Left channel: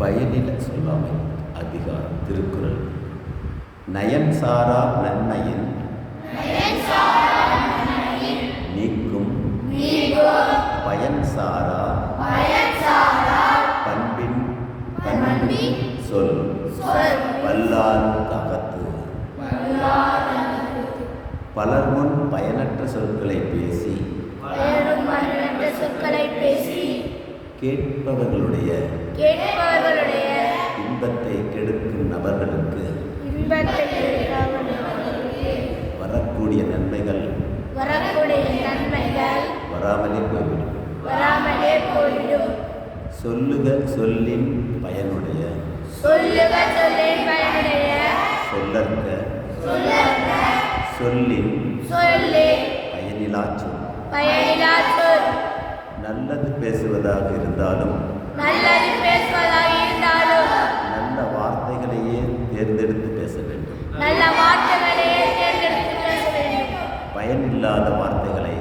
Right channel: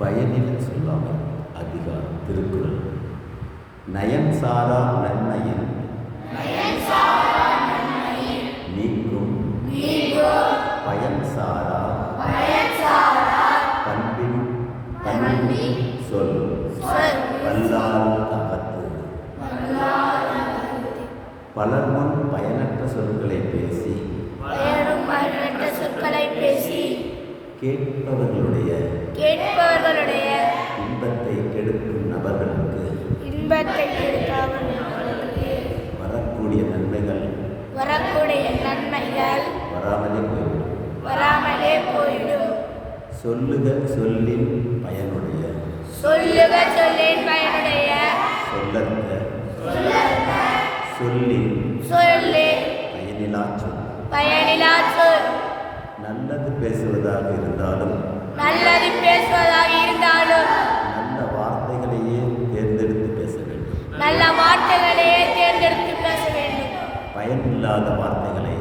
பயனில சொல்லாமை அதிகாரம் திருக்குறள். நயன் சாரா நன்மையின் நீக்கும் பயன் சாரா பண்பின் சொல் வல்லார் அகத்து. பலர் முன் பயனற்ற சொற்களை பேசி கேட்பவர்களுடைய இன்பத்தை கெடுக்கும் நபர்களுக்கு வரக்கூடிய நன்மைகள் வராமலே போய்விடும். சொல்லுக சொல்லின் பயனுடைய சொல்லற்க சொல்லின் பயனிலா சொல். நல்லது பேசுவதாக இருந்தாலும் நல்ல வார்த்தைகளையே தேர்ந்தெடுத்து பேச வேண்டும். பயனில்லாத வார்த்தைகளை